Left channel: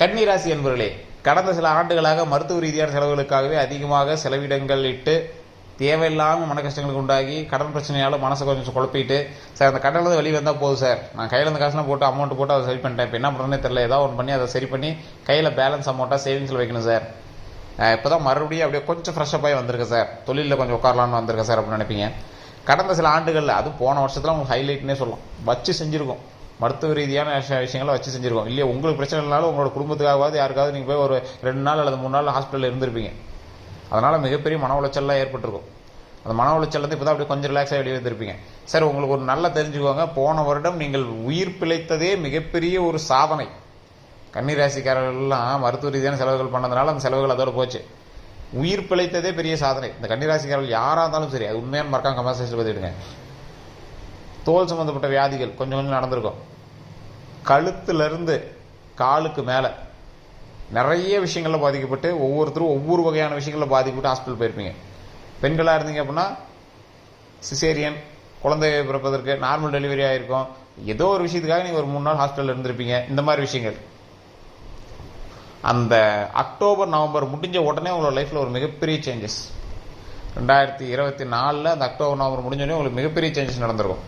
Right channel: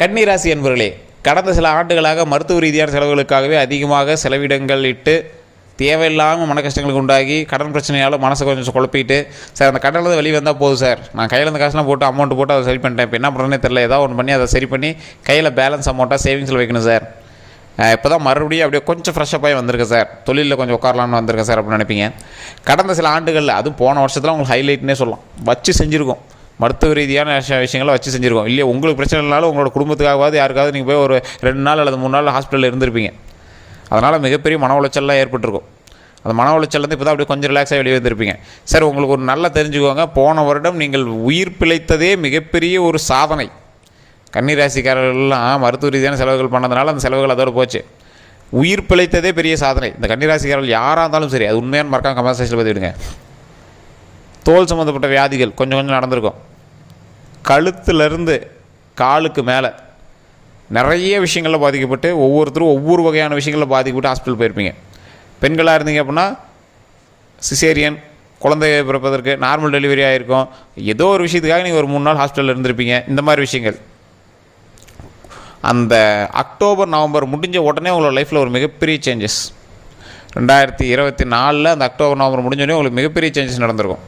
கன்னிராசி என்பவர்களே, கடந்த சில ஆண்டுகளாக மருத்துவ ரீதியான செலவுகளுக்காகவே அதிகமாக செலவிடங்கள் இட்டு தேவையில்லாமல் மன கஷ்டங்களுக்கு உண்டாகி கடன் பிரச்சனையால் மனசை கொஞ்சம் குழப்பிட்டு, சார் அந்த கடனில் வெளியே வந்தால் போதும் சார், நான் கையில் இருந்த காசுலாம் போட்டு அமௌண்ட் போட்டு அதை சரி பண்ணிட்டேன், இப்போ என்ன பண்ணுறேன்னே தெரில, ஏதாவது ஒன்று பண்ணி அதை சரி பண்ணி கையில் பேலன்ஸ் அமௌண்ட்டாக சேவிங்ஸில் வைக்கணும் சார், இப்போ தான் மறுபடியும் அப்படியே கொஞ்சம் ஃப்ரெஷ்ஷப் ஆகி வந்திருக்கேன் சார், தொழிலில் கொஞ்சம் உட்காரலான்னு வந்திருக்கேன் சார் அப்படின்னு நினைப்பீங்க. கடந்த சில ஆண்டுகளில் அதுவும் போன வருஷத்தில் உங்களுக்கு ஹைலைட்னே சொல்லலாம், வச்சு செஞ்சுருக்கோம். மருத்துவ ரீதியான விஷயங்களை வச்சு செஞ்சுருக்கோம். இல்லையா, உங்களுக்கு பிரச்சனை இல்லைனாலும் உங்களோட குடும்பத்துக்காகவாது யாருக்காவது நீங்கள் போய் ஒரு 2 நாள் அல்லது 3 நாள் ஹாஸ்பிட்டலில் இருந்திருப்பீங்க. அதனால் மிகப்பெரிய மன உளைச்சல்லாம் ஏற்பட்டிருக்கும். அந்த மன உளைச்சல்லேருந்து இப்போ தான் அப்படியே கொஞ்சம் ரிலாக்ஸாக வெளியே வந்துருப்பீங்க. சார், உங்களுக்கு ஒரு நல்லா தெரிஞ்சுக்கோங்க, போன வருடம் நீங்கள் உயிர் பிழைத்ததே மிகப்பெரிய ஒரு சாதனை. கன்னிராசிக்காரர்கள்லாம் மருத்துவ ரீதியான செலவுகள் பண்ணதுனால அந்த செலவுகள் அதோடு போச்சு. உயிர் பிழைத்ததே பெரிய சாதனை. இந்த கன்னிராசிக்காரர்கள் யாராக இருந்தாலும் சரி, அது உண்மையான மறக்காம கமெண்ட் செக்ஷனில் பதிவிடுங்க. தோல் சம்மந்தப்பட்ட வியாதிகள் கொஞ்சம் கொஞ்சம் நடந்திருக்கும். கழுத்துலேருந்து காலுக்கு மேலே நிறைய விஷயங்களில் பாதிக்கப்பட்டு ஒவ்வொருத்தரும் ஒவ்வொரு வகையான விஷயங்களில் பாதிக்கப்பட்டு ஹாஸ்பிட்டல் போயிருப்பீங்க. பெண்களாக இருந்தீங்க அப்படின்னா சிசேரியன், குழந்தை பிறப்பதற்கு நார்மல் டெலிவரி ஆகிருக்கும், ஏதோ ஒரு விஷயத்துக்காக நீங்கள் ஒரு 3 நாள் ஹாஸ்பிட்டலில் இருந்திருப்பீங்க. இந்த மாதிரி விஷயங்கள் அந்த அக்டோபர் நவம்பர் முடிஞ்ச உடனே உங்களோட லைஃப்பில் ஒரு மிகப்பெரிய சேஞ்சஸ். 2024 அந்த அக்டோபர் நவம்பர் முடிஞ்சோடனே உங்களுக்கு மிகப்பெரிய சேஞ்சஸ் நடந்திருக்கும்.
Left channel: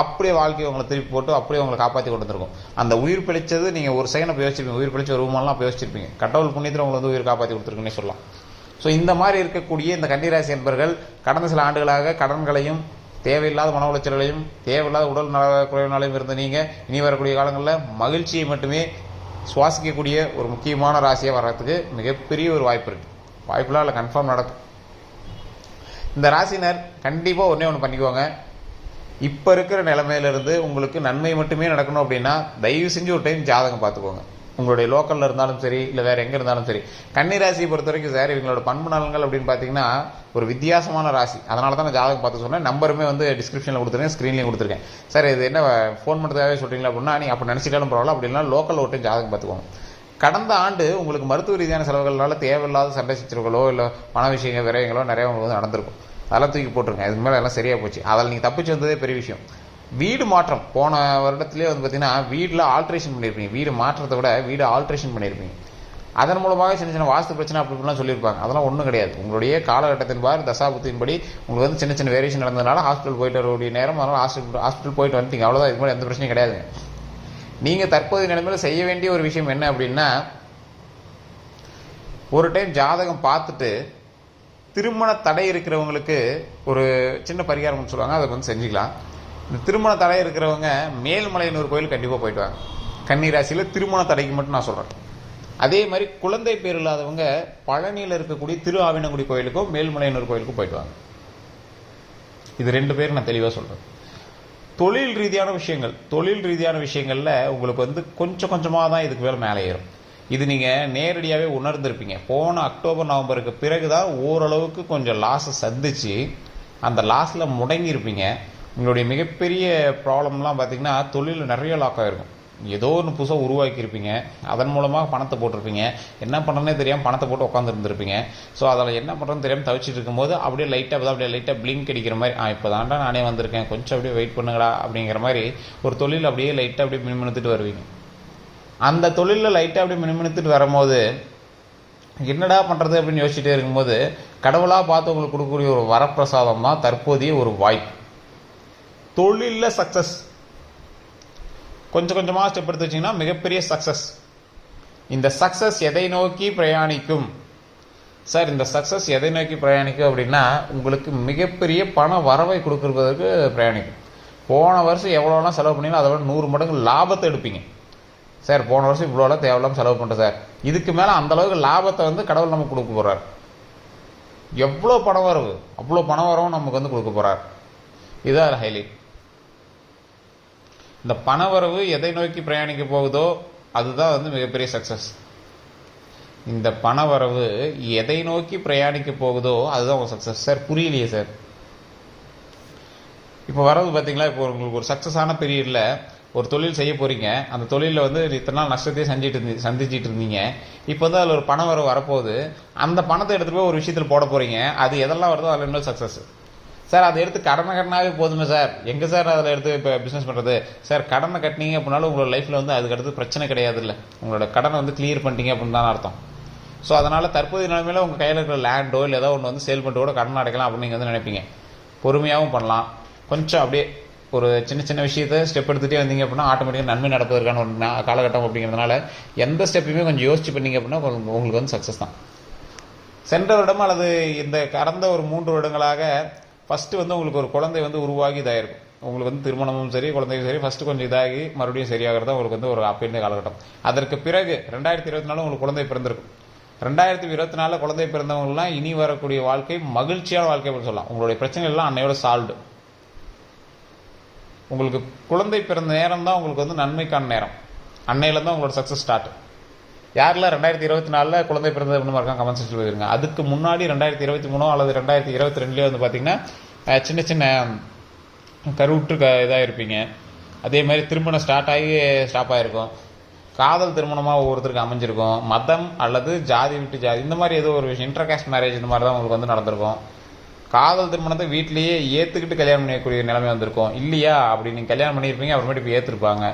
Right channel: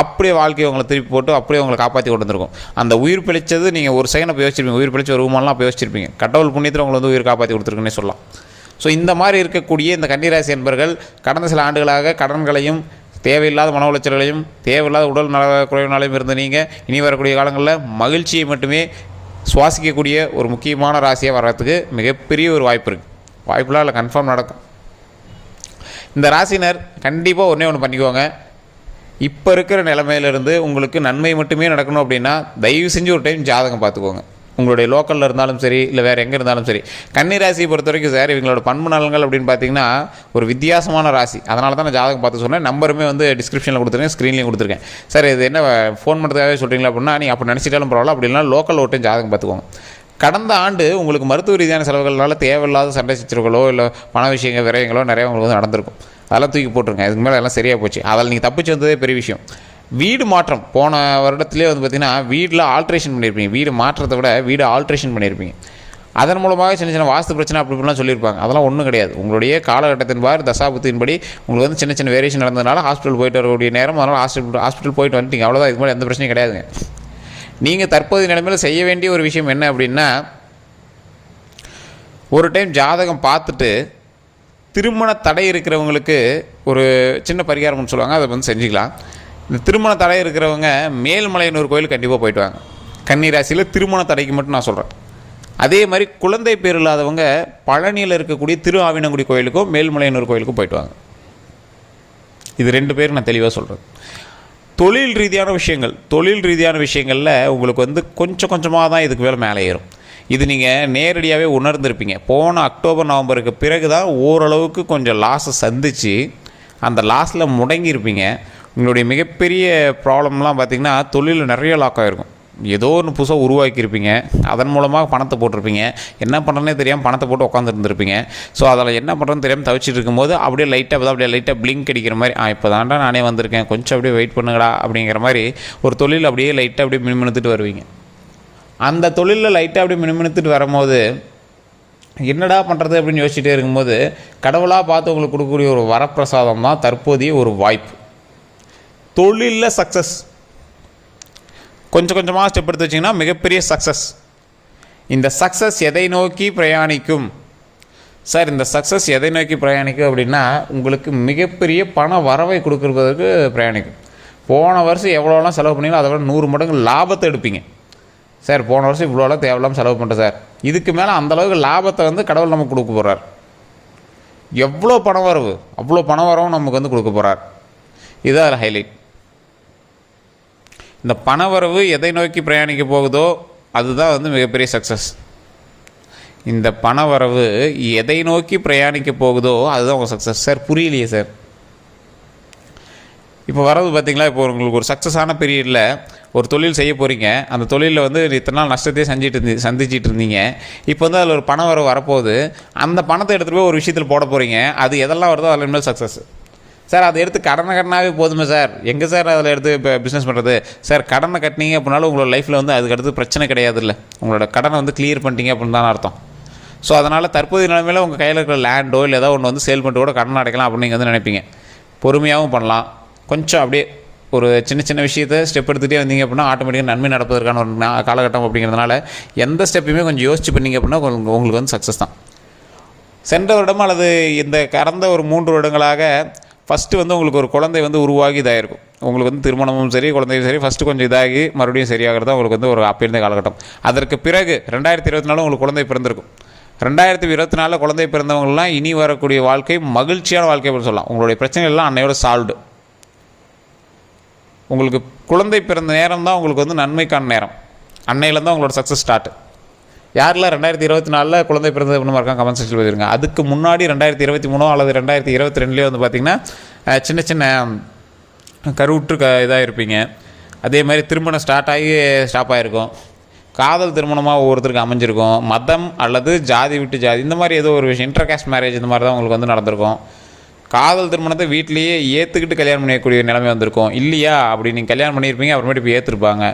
அப்படியே வாழ்க்கையை உங்களை திருப்பி போட்டு அப்படியே உங்களை காப்பாற்றி கொண்டு வந்திருக்கும். அந்த உயிர் பிழைச்சது நீங்கள் ஒரு செகண்ட் அப்போ யோசிச்சிருப்பீங்க, உயிர் பிழைச்ச ஒரு ரூமெல்லாம் அப்போ யோசிச்சிருப்பீங்க. கடவுள் புண்ணியத்தில் உங்களை உயிர் காப்பாற்றி கொடுத்துருக்குன்னே சொல்லலாம். ஸோ இந்த மாதிரி இருக்கக்கூடிய இந்த கன்னிராசி என்பர்கள் கடந்த சில ஆண்டுகளாக கடன்களையும் தேவையில்லாத மன உளைச்சல்களையும் தேவையில்லாத உடல் நல குறைவினாலையும் இருந்த நீங்கள் இனி வரக்கூடிய காலங்களில் மகிழ்ச்சியை மட்டுமே சுவாசிக்கக்கூடிய ஒரு முக்கியமான ராசியாக வர்றதுக்கு மிகப்பெரிய ஒரு வாய்ப்பு இருக்குது. வாய்ப்புலாம் இல்லை, கன்ஃபார்ம் நடக்கும். இந்த ராசினர் கண்டிப்பாக ஒன்று பண்ணிக்குவாங்க. இப்போ இருக்கிற நிலைமையிலிருந்து உங்களுக்கு நன்மை மட்டுமே நடக்கணும் அப்படின்னா தயவு செஞ்சு ஒரு டைம் ஜாதகம் பார்த்துக்கோங்க. உங்களுடைய லோக்கலில் இருந்தாலும் சரி, இல்லை வேறு எங்கே இருந்தாலும் சரி. கன்னிராசியை பொறுத்த வரைக்கும் சார், இவங்களோட பண்பு நலன்கள் அப்படின்னு பார்த்தீங்கன்னா ஒரு வித்தியாசமான ராசி. அதனால தான் நான் ஜாதகம் பார்த்து சொன்னேன். நம்பருமே டிஸ்கிரிப்ஷனில் கொடுத்துருக்கேன், ஸ்க்ரீன்லேயும் கொடுத்துருக்கேன். சார், இது என்ன ஃபோன் பண்ணுறதுக்காகவே சொல்கிறீங்களா அப்படின்னா, நீங்கள் அப்படி நினச்சிட்டாலும் பரவாயில்ல, அப்படின்னா லோக்கல் ஒரு டைம் ஜாதகம் பார்த்துக்கோங்க. கடந்த ஆண்டு உங்களுக்கு மருத்துவ ரீதியான செலவுகளால் தேவையில்லாத சண்டை சச்சரவுகளோ இல்லை பண விஷயங்கள் விரயங்களோ நிறைய உங்களுக்கு நடந்திருக்கும். அதெல்லாம் தூக்கி போட்டுருங்க. இதுக்கு மேலே எல்லாம் சரியாக போச்சு. அதில் நீங்கள் தப்பிச்சு வந்ததே பெரிய விஷயம். வீடு மாற்றம் போன வருடத்துலேயே பார்த்திங்கன்னா வீட்டில் ஆல்ட்ரேஷன் பண்ணியிருப்பீங்க. வீடு மாற்றத்தை விட வீடு ஆல்ட்ரேஷன் பண்ணியிருப்பீங்க. அதன் மூலமாக சின்ன சின்ன வாஸ்து பிரச்சனை அப்படி இப்படிலாம் சொல்லியிருப்பாங்க. அதெல்லாம் ஒன்றும் கிடையாது. உங்களுடைய காலகட்டத்தின் பார் தசாபத்தின்படி உங்களுக்கு சின்ன சின்ன வேரியேஷன் நடந்ததுனால ஹாஸ்பிட்டல் போயிட்டு வரக்கூடிய நேரம், அதனால் ஹாஸ்பிட்டல் போயிட்டு வந்துட்டீங்க. அவ்வளோதான். இதுக்கு மேலே எந்த பிரச்சனையும் கிடையாதுங்க. நீங்கள் தற்போதைய நிலைமையில் செய்ய வேண்டிய ஒரு விஷயம் என்ன அப்படின்னா, ஒரு டைம் ஜாதகம் பார்த்துட்டு திருமண தடை இருக்கிறவங்களுக்கு ஒரு சின்ன பரிகாரம்னு சொல்லுவாங்க, அதை செஞ்சுக்கலாம். இந்த திருமண தடை இருக்கிறவங்க மேல்மலையனூர் கோயில் கண்டிப்பாக போயிட்டு வாங்க. கன்னிராசியில் திருமண தடைக்கு மட்டும் நான் சொல்கிறேன். அதே மாதிரி குழந்தை பேர் இல்லாதவங்க பழனியில் இருக்கக்கூடிய திரு ஆவினங்குடி கோயிலுக்கும் மேல்மலையனூர் கோயிலுக்கும் போயிட்டு வாங்க. இது 2 பேர் நான் தெளிவாக சொல்கிறேன். தொழில் ரீதியான விஷயங்களில் உங்களுக்கு கொஞ்சம் கொஞ்சமாக தான் இதுக்கு மேலே ஏறும். இது நீங்கள் நேரடியாகவே உணர்ந்திருப்பீங்க. போன அக்டோபர் நவம்பருக்கு பிறகு தான் ஓரளவுக்கு கொஞ்சம் லாஸை சந்தித்து அந்த லாஸில் முடங்கியிருப்பீங்க. உங்களுடைய மிகப்பெரிய ப்ராப்ளம்லாம் பார்த்திங்கன்னா தொழிலில் நிறைய லாக் ஆகிருக்கும். ஏதோ ஒன்று புதுசாக உருவாக்கியிருப்பீங்க, அதன் மூலமாக பணத்தை போட்டிருப்பீங்க. என்ன பண்ணுறதுனே தெரியாமல் பணத்தை போட்டு உட்காந்துருந்துருப்பீங்க. ஸோ அதில் என்ன பண்ணுறதுன்னு தெரியாமல் தவிச்சிட்டு இருக்கும்போது அப்படியே லைட்டாக பிளிங்க் அடிக்கிற மாதிரி, இப்போ தாண்டா நானே வந்திருக்கேன், கொஞ்சம் அப்படியே வெயிட் பண்ணுங்கடா அப்படிங்கிற மாதிரி ஒரு தொழில் அப்படியே லைட்டாக அப்படியே மினுமினுத்துட்டு வருவீங்க. அந்த தொழிலில் லைட்டாக அப்படியே மினுமினுத்துட்டு வரும்போது என்னடா பண்ணுறது அப்படின்னு யோசிச்சுட்டே இருக்கும்போது கடவுளாக பார்த்து உங்களுக்கு கொடுக்கக்கூடிய ஒரு வரப்பிரசாதம் தான் தற்போதைய ஒரு வாய்ப்பு. தொழிலில் சக்ஸஸ் கொஞ்சம் கொஞ்சமாக ஸ்டெப் எடுத்து வச்சிங்கன்னா மிகப்பெரிய சக்ஸஸ். இந்த சக்ஸஸ் எதை நோக்கி பிரயாணிக்கும் சார்? இந்த சக்ஸஸ் எதை நோக்கி பிரயாணிக்கும் அப்படின்னா உங்களுக்கு மிகப்பெரிய பண வரவை கொடுக்குறதுக்கு பிரயாணிக்கும். போன வருஷம் எவ்வளோலாம் செலவு பண்ணீங்களோ அதை விட 100 மடங்கு லாபத்தை எடுப்பீங்க. சார், போன வருஷம் இவ்வளோலாம் தேவையில்லாமல் செலவு பண்ணுறேன் சார், இதுக்கு மேலே அந்தளவுக்கு லாபத்தை கடவுள் நமக்கு கொடுக்க போகிறார். எவ்வளோ பணம் வரவு, அவ்வளோ பண வரவும் நமக்கு கொடுக்க போகிறார். இதுதான் ஹைலைட். இந்த பணவரவு எதை நோக்கி பிரயாணிக்க போகுதோ அதுதான் மிகப்பெரிய சக்ஸஸ். இந்த பணவரவு எதை நோக்கி பிரயாணிக்க போகுதோ அதுதான் உங்கள் சக்ஸஸ். சார், புரியலையே சார். இப்போ வரது பார்த்திங்களா, இப்போ உங்களுக்கு ஒரு சக்ஸஸான பீரியடில் ஒரு தொழில் செய்ய போகிறீங்க. அந்த தொழிலில் இத்தனை நாள் நஷ்டத்தையே சந்திச்சிட்டு இருந்தீங்க. இப்போ அதில் ஒரு பணம் வரப்போகுது. அந்த பணத்தை எடுத்துகிட்டு போய் ஒரு விஷயத்தில் போட போகிறீங்க. அது எதெல்லாம் வருதோ அதில் மேல் சக்ஸஸ். சார் அதை எடுத்து கடனாகவே போதுமே சார், எங்கே சார் அதில் எடுத்து இப்போ பிஸ்னஸ் பண்ணுறது? சார் கடனை கட்டினீங்க அப்படின்னாலும் உங்களோட லைஃப்பில் வந்து அதுக்கு அடுத்து பிரச்சனை கிடையாது இல்லை, உங்களோட கடனை வந்து கிளியர் பண்ணிட்டீங்க அப்படின்னு தான் அர்த்தம். ஸோ அதனால் தற்போதைய நிலைமையில் உங்கள் கையில் இருக்கிற லேண்டோ இல்லை ஏதோ ஒன்று வந்து சேல் பண்ணிட்டு கூட கடன் அடைக்கலாம் அப்படின்னு நீங்கள் வந்து நினைப்பீங்க. பொறுமையாகவும் பண்ணலாம். கொஞ்சம் அப்படியே ஒரு சின்ன சின்ன விஷயத்தை ஸ்டெப் எடுத்துகிட்டே வந்தீங்க அப்படின்னா ஆட்டோமேட்டிக்காக நன்மை நடப்பதற்கான ஒரு காலகட்டம் அப்படிங்கிறதுனால எந்த ஸ்டெப்பையுமே கொஞ்சம் யோசிச்சு பண்ணிங்க அப்படின்னா உங்களுக்கு வந்து சக்ஸஸ் தான். சென்ற வருடம் அல்லது இந்த கடந்த ஒரு 3 வருடங்களாக ஃபஸ்ட்டு வந்து உங்களுக்கு ஒரு குழந்தை வந்து உருவாகி இதாகிருக்கும். உங்களுக்கு வந்து திருமணமும் சரி குழந்தையும் சரி ஃபஸ்ட்டு கொஞ்சம் இதாகி மறுபடியும் சரியாகிறது உங்களுக்கு வந்து ஒரு அப்போ இருந்த காலகட்டம். அதற்கு பிறகு 2024 உங்களுக்கு குழந்தை பிறந்திருக்கும். 2024 குழந்தை பிறந்தவங்களாம் இனி வரக்கூடிய வாழ்க்கை மகிழ்ச்சியான வாழ்க்கை அப்படின்னு சொல்லலாம். உங்களுடைய பிரச்சனைகள் எல்லாம் அன்னையோட சால்வ்டு. உங்களுக்கு குழந்தை பிறந்த நேரம் தான் உங்களுக்கு வந்து நன்மைக்கான நேரம். அன்னையிலேருந்து தான் உங்களோட சக்ஸஸ் ஸ்டார்ட். யாரில் 2024 குழந்தை பிறந்தது அப்படின்னு இருக்காங்க கமெண்ட் செக்ஷனில் போயிருங்க. அதுக்கு முன்னாடி 2023 அல்லது 2022 வந்து பார்த்திங்கன்னா சின்ன சின்ன கருவுற்று இதாக இருப்பீங்க. அதே மாதிரி திருமணம் ஸ்டார்ட் ஆகி ஸ்டாப் ஆகிருக்கும். காதல் திருமணமாக ஒவ்வொருத்தருக்கு அமைஞ்சிருக்கும். மதம் அல்லது ஜாதி விட்டு ஜாதி இந்த மாதிரி ஏதோ ஒரு விஷயம், இன்டர்காஸ்ட் மேரேஜ் இந்த மாதிரி தான் உங்களுக்கு வந்து நடந்திருக்கும். காதல் திருமணத்தை வீட்லேயே ஏற்றுக்கிட்டு கல்யாணம் பண்ணக்கூடிய நிலைமை வந்திருக்கும். இல்லையா அப்படி நீங்கள் கல்யாணம் பண்ணியிருப்பீங்க, அப்புறமேட்டு இப்போ ஏற்றுருப்பாங்க.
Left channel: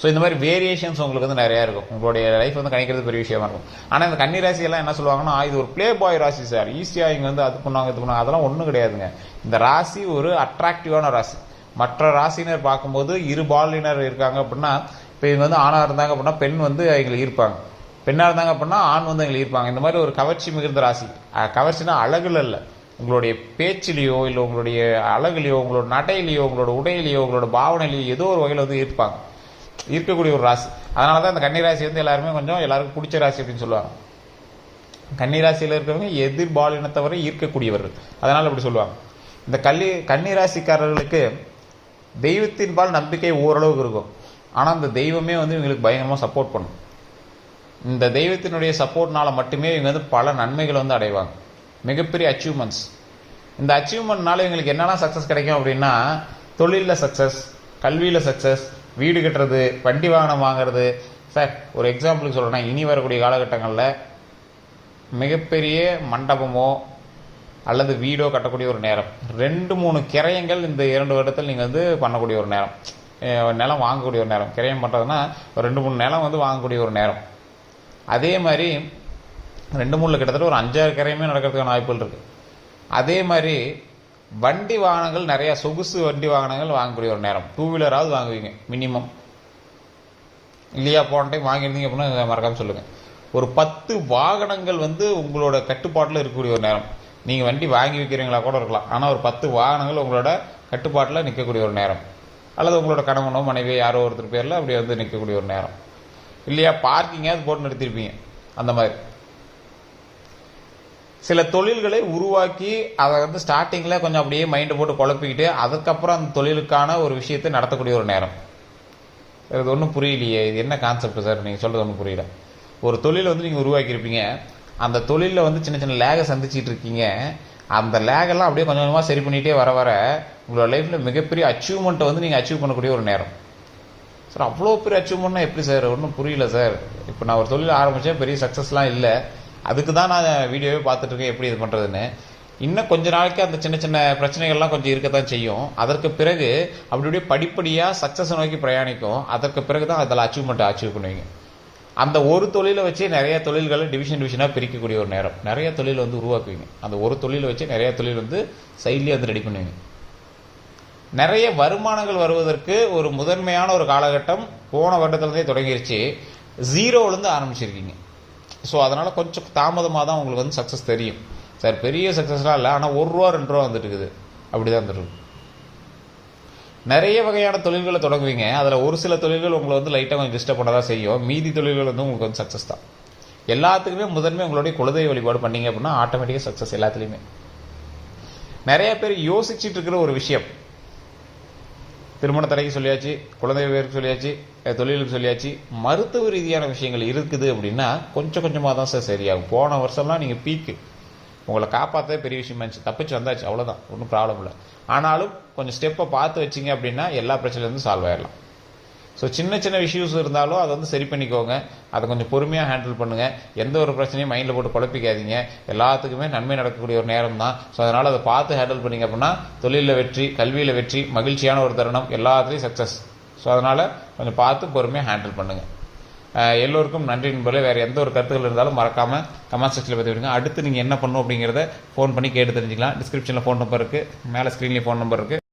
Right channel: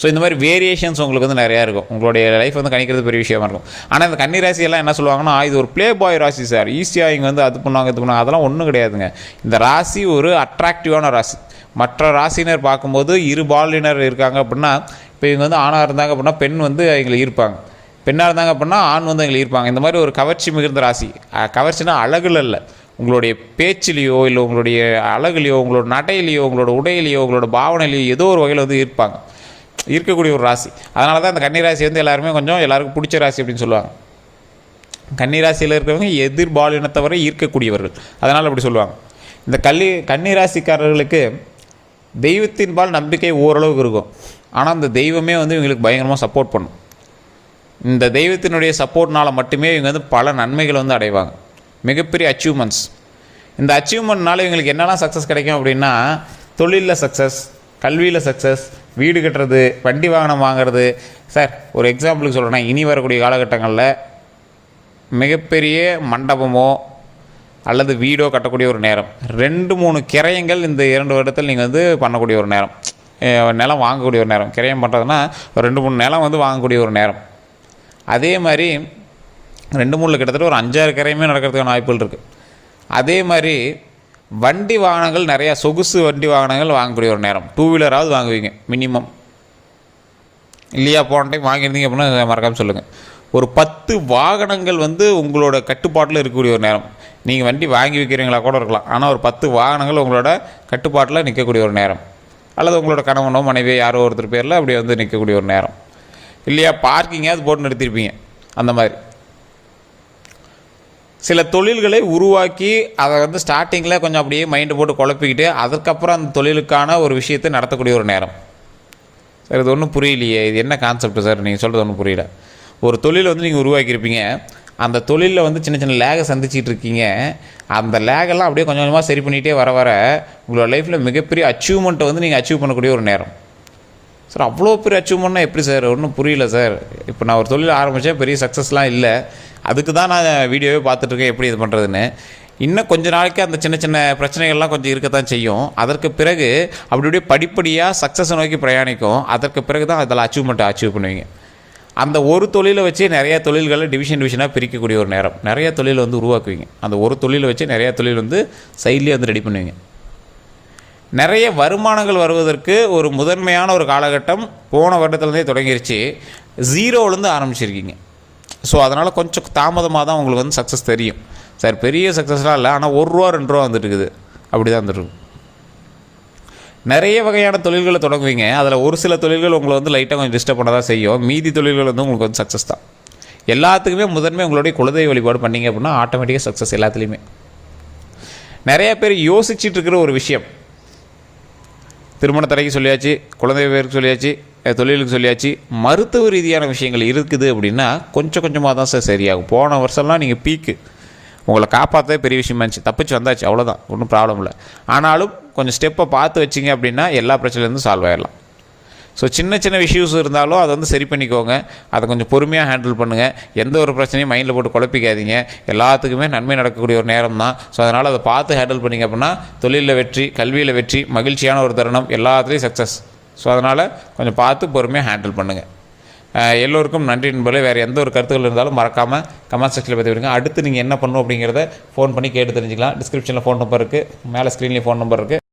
ஸோ இந்த மாதிரி வேரியேஷன்ஸ் உங்களுக்கு வந்து நிறையா இருக்கும். உங்களுடைய லைஃப் வந்து கணிக்கிறது பெரிய விஷயமா இருக்கும். ஆனால் இந்த கன்னி ராசியெல்லாம் என்ன சொல்லுவாங்கன்னா, இது ஒரு ப்ளே பாய் ராசி சார், ஈஸியாக இங்கே வந்து அது பண்ணுவாங்க இது பண்ணுவாங்க. அதெல்லாம் ஒன்றும் கிடையாதுங்க. இந்த ராசி ஒரு அட்ராக்டிவான ராசி. மற்ற ராசினர் பார்க்கும்போது இரு பாலினர் இருக்காங்க அப்படின்னா, இப்போ இவங்க வந்து ஆணாக இருந்தாங்க அப்படின்னா பெண் வந்து எங்களை ஈர்ப்பாங்க, பெண்ணாக இருந்தாங்க அப்படின்னா ஆண் வந்து எங்களை ஈர்ப்பாங்க. இந்த மாதிரி ஒரு கவர்ச்சி மிகுந்த ராசி. கவர்ச்சினா அழகுல இல்லை, உங்களுடைய பேச்சிலேயோ இல்லை உங்களுடைய அழகுலையோ உங்களோட நடையிலையோ உங்களோட உடையிலையோ உங்களோட பாவனையிலையோ ஏதோ ஒரு வகையில் வந்து ஈர்ப்பாங்க, இருக்கக்கூடிய ஒரு ராசி. அதனால தான் இந்த கன்னிராசி வந்து எல்லாருமே கொஞ்சம் எல்லாருக்கும் பிடிச்ச ராசி அப்படின்னு சொல்லுவாங்க. கன்னிராசியில் இருக்கிறவங்க எதிர்பாலினத்தவரை ஈர்க்கக்கூடியவர்கள், அதனால் அப்படி சொல்லுவாங்க. இந்த கன்னிராசிக்காரர்களுக்கு தெய்வத்தின்பால் நம்பிக்கை ஓரளவுக்கு இருக்கும். ஆனால் அந்த தெய்வமே வந்து இவங்களுக்கு பயங்கரமாக சப்போர்ட் பண்ணும். இந்த தெய்வத்தினுடைய சப்போர்ட்னால் மட்டுமே இவங்க வந்து பல நன்மைகளை வந்து அடைவாங்க, மிகப்பெரிய அச்சீவ்மெண்ட்ஸ். இந்த அச்சீவ்மெண்ட்னால இவங்களுக்கு என்னெல்லாம் சக்ஸஸ் கிடைக்கும் அப்படின்னா, தொழிலில் சக்ஸஸ், கல்வியில் சக்ஸஸ், வீடு கட்டுறது, வண்டி வாகனம் வாங்கிறது. சார் ஒரு எக்ஸாம்பிளுக்கு சொல்கிறேன்னா, இனி வரக்கூடிய காலகட்டங்களில் மிகப்பெரிய மண்டபமோ அல்லது வீடோ கட்டக்கூடிய ஒரு நேரம். 2-3 கிரயங்கள் இந்த 2 வருடத்தில் நீங்கள் வந்து பண்ணக்கூடிய ஒரு நேரம். நிலம் வாங்கக்கூடிய ஒரு நேரம். கிரயம் பண்ணுறதுனா ஒரு 2-3 நிலம் வந்து வாங்கக்கூடிய ஒரு நேரம். அதே மாதிரி 2-3 கிட்டத்தட்ட ஒரு 5-6 கிரயமே நடக்கிறதுக்கான வாய்ப்புகள் இருக்குது. அதே மாதிரி வண்டி வாகனங்கள் நிறையா, சொகுசு வண்டி வாகனங்கள் வாங்கக்கூடிய ஒரு நேரம். 2 வீலராவது வாங்குவீங்க மினிமம், இல்லையா? போன டைம் வாங்கியிருந்தீங்க அப்படின்னா மறக்காமல் சொல்லுங்கள். ஒரு 10 வாகனங்கள் வந்து உங்களோட கட்டுப்பாட்டில் இருக்கக்கூடிய ஒரு நேரம். நீங்கள் வண்டி வாங்கி வைக்கிறீங்களா கூட இருக்கலாம், ஆனால் ஒரு 10 வாகனங்கள் உங்களோட கட்டுப்பாட்டில் நிற்கக்கூடிய ஒரு நேரம். அல்லது உங்களோட கணவனோ மனைவியோ யாரோ ஒருத்தர் பேரில் அப்படி வந்து நிற்கக்கூடிய ஒரு நேரம், இல்லையா? பார்க்கிங்காவது போட்டு நிறுத்திருப்பீங்க. அந்த மாதிரி சில தொழில்களை உருவாக்கி அதை வந்து ஸ்டார்டிங்கில் கொஞ்சம் அப்படியே மைண்டை போட்டு குழப்பிக்கிட்டு அதுக்கப்புறம் அந்த தொழிலுக்கான ஒரு விஷயத்தை நடத்தக்கூடிய ஒரு நேரம். சார் இது ஒன்றும் புரியலையே, இது என்ன கான்செப்ட் சார் நீங்கள் சொல்கிறது ஒன்றும் புரியல. ஒரு தொழிலை வந்து நீங்கள் உருவாக்கியிருப்பீங்க, அந்த தொழிலில் வந்து சின்ன சின்ன லேகை சந்திச்சிட்டு இருக்கீங்க. அந்த லேகெல்லாம் அப்படியே கொஞ்சம் கொஞ்சமாக சரி பண்ணிகிட்டே வர வர உங்களோட லைஃப்பில் மிகப்பெரிய அச்சீவ்மெண்ட்டை வந்து நீங்கள் அச்சீவ் பண்ணக்கூடிய ஒரு நேரம். சார் அவ்வளோ பெரிய அச்சீவ்மெண்ட்னா எப்படி சார்? ஒன்றும் புரியல சார். இப்போ நான் ஒரு தொழில் ஆரம்பித்தேன், பெரிய சக்ஸஸ்லாம் இல்லை, அதுக்கு தான் நான் வீடியோவே பார்த்துட்ருக்கேன் எப்படி இது பண்ணுறதுன்னு. இன்னும் கொஞ்ச நாளைக்கு அந்த சின்ன சின்ன பிரச்சனைகள்லாம் கொஞ்சம் இருக்கத்தான் செய்யும். அதற்கு பிறகு அப்படியே படிப்படியாக சக்ஸஸை நோக்கி பிரயாணிக்கும். அதற்கு பிறகு தான் அதில் அச்சீவ்மெண்ட்டை அச்சீவ் பண்ணுவீங்க. அந்த ஒரு தொழிலை வச்சு நிறையா தொழில்களை டிவிஷனாக பிரிக்கக்கூடிய ஒரு நேரம். நிறைய தொழில் வந்து உருவாக்குவீங்க. அந்த ஒரு தொழிலை வச்சு நிறையா தொழில் வந்து சைட்லேயே வந்து ரெடி பண்ணுவீங்க. நிறைய வருமானங்கள் வருவதற்கு ஒரு முதன்மையான ஒரு காலகட்டம் போன வருடத்துலேருந்தே தொடங்கிருச்சு. 0லேருந்து ஆரம்பிச்சிருக்கீங்க. ஸோ அதனால் கொஞ்சம் தாமதமாக தான் உங்களுக்கு வந்து சக்ஸஸ் தெரியும். சார் பெரிய சக்ஸஸ்லாம் இல்லை, ஆனால் ₹1 ₹2 வந்துட்டு இருக்குது, அப்படி தான் வந்துருக்கு. நிறைய வகையான தொழில்களை தொடங்குவீங்க. அதில் ஒரு சில தொழில்கள் உங்களை வந்து லைட்டாக கொஞ்சம் டிஸ்டர்ப் பண்ண தான் செய்யும். மீதி தொழில்கள் வந்து உங்களுக்கு வந்து சக்ஸஸ் தான். எல்லாத்துக்குமே முதன்மை உங்களுடைய குலதெய்வ வழிபாடு பண்ணிங்க அப்படின்னா ஆட்டோமேட்டிக்காக சக்ஸஸ் எல்லாத்துலேயுமே. நிறைய பேர் யோசிச்சுட்டு இருக்கிற ஒரு விஷயம், திருமண தடைக்கு சொல்லியாச்சு, குழந்தை பேருக்கு சொல்லியாச்சு, தொழிலுக்கு சொல்லியாச்சு, மருத்துவ ரீதியான விஷயங்கள் இருக்குது அப்படின்னா கொஞ்சம் கொஞ்சமாக தான் சார் சரியாகும். போன வருஷம்லாம் நீங்கள் பீக்கு, உங்களை காப்பாற்றவே பெரிய விஷயமா இருந்துச்சு, தப்பிச்சு வந்தாச்சு, அவ்வளோதான், ஒன்றும் ப்ராப்ளம் இல்லை. ஆனாலும் கொஞ்சம் ஸ்டெப்பை பார்த்து வச்சிங்க அப்படின்னா எல்லா பிரச்சனையிலேருந்து சால்வ் ஆகிடலாம். ஸோ சின்ன சின்ன இஷ்யூஸ் இருந்தாலும் அதை வந்து சரி பண்ணிக்கோங்க. அதை கொஞ்சம் பொறுமையாக ஹேண்டில் பண்ணுங்கள். எந்த ஒரு பிரச்சனையும் மைண்டில் போட்டு குழப்பிக்காதீங்க. எல்லாத்துக்குமே நன்மை நடக்கக்கூடிய ஒரு நேரம் தான். ஸோ அதனால் அதை பார்த்து ஹேண்டில் பண்ணிங்க அப்படின்னா தொழிலில் வெற்றி, கல்வியில் வெற்றி, மகிழ்ச்சியான ஒரு தருணம், எல்லாத்துலேயும் சக்ஸஸ். ஸோ அதனால் கொஞ்சம் பார்த்து பொறுமையாக ஹேண்டில் பண்ணுங்கள். எல்லோருக்கும் நன்றி நண்பர்களே. வேறு எந்த ஒரு கருத்துக்கள் இருந்தாலும் மறக்காமல் கமெண்ட் செக்ஷனில் பற்றி விடுங்க. அடுத்து நீங்கள் என்ன பண்ணணும் அப்படிங்கிறத ஃபோன் பண்ணி கேட்டு தெரிஞ்சுக்கலாம். டிஸ்கிரிப்ஷனில் ஃபோன் நம்பர் இருக்குது, மேலே ஸ்க்ரீன்லேயும் ஃபோன் நம்பர் இருக்குது.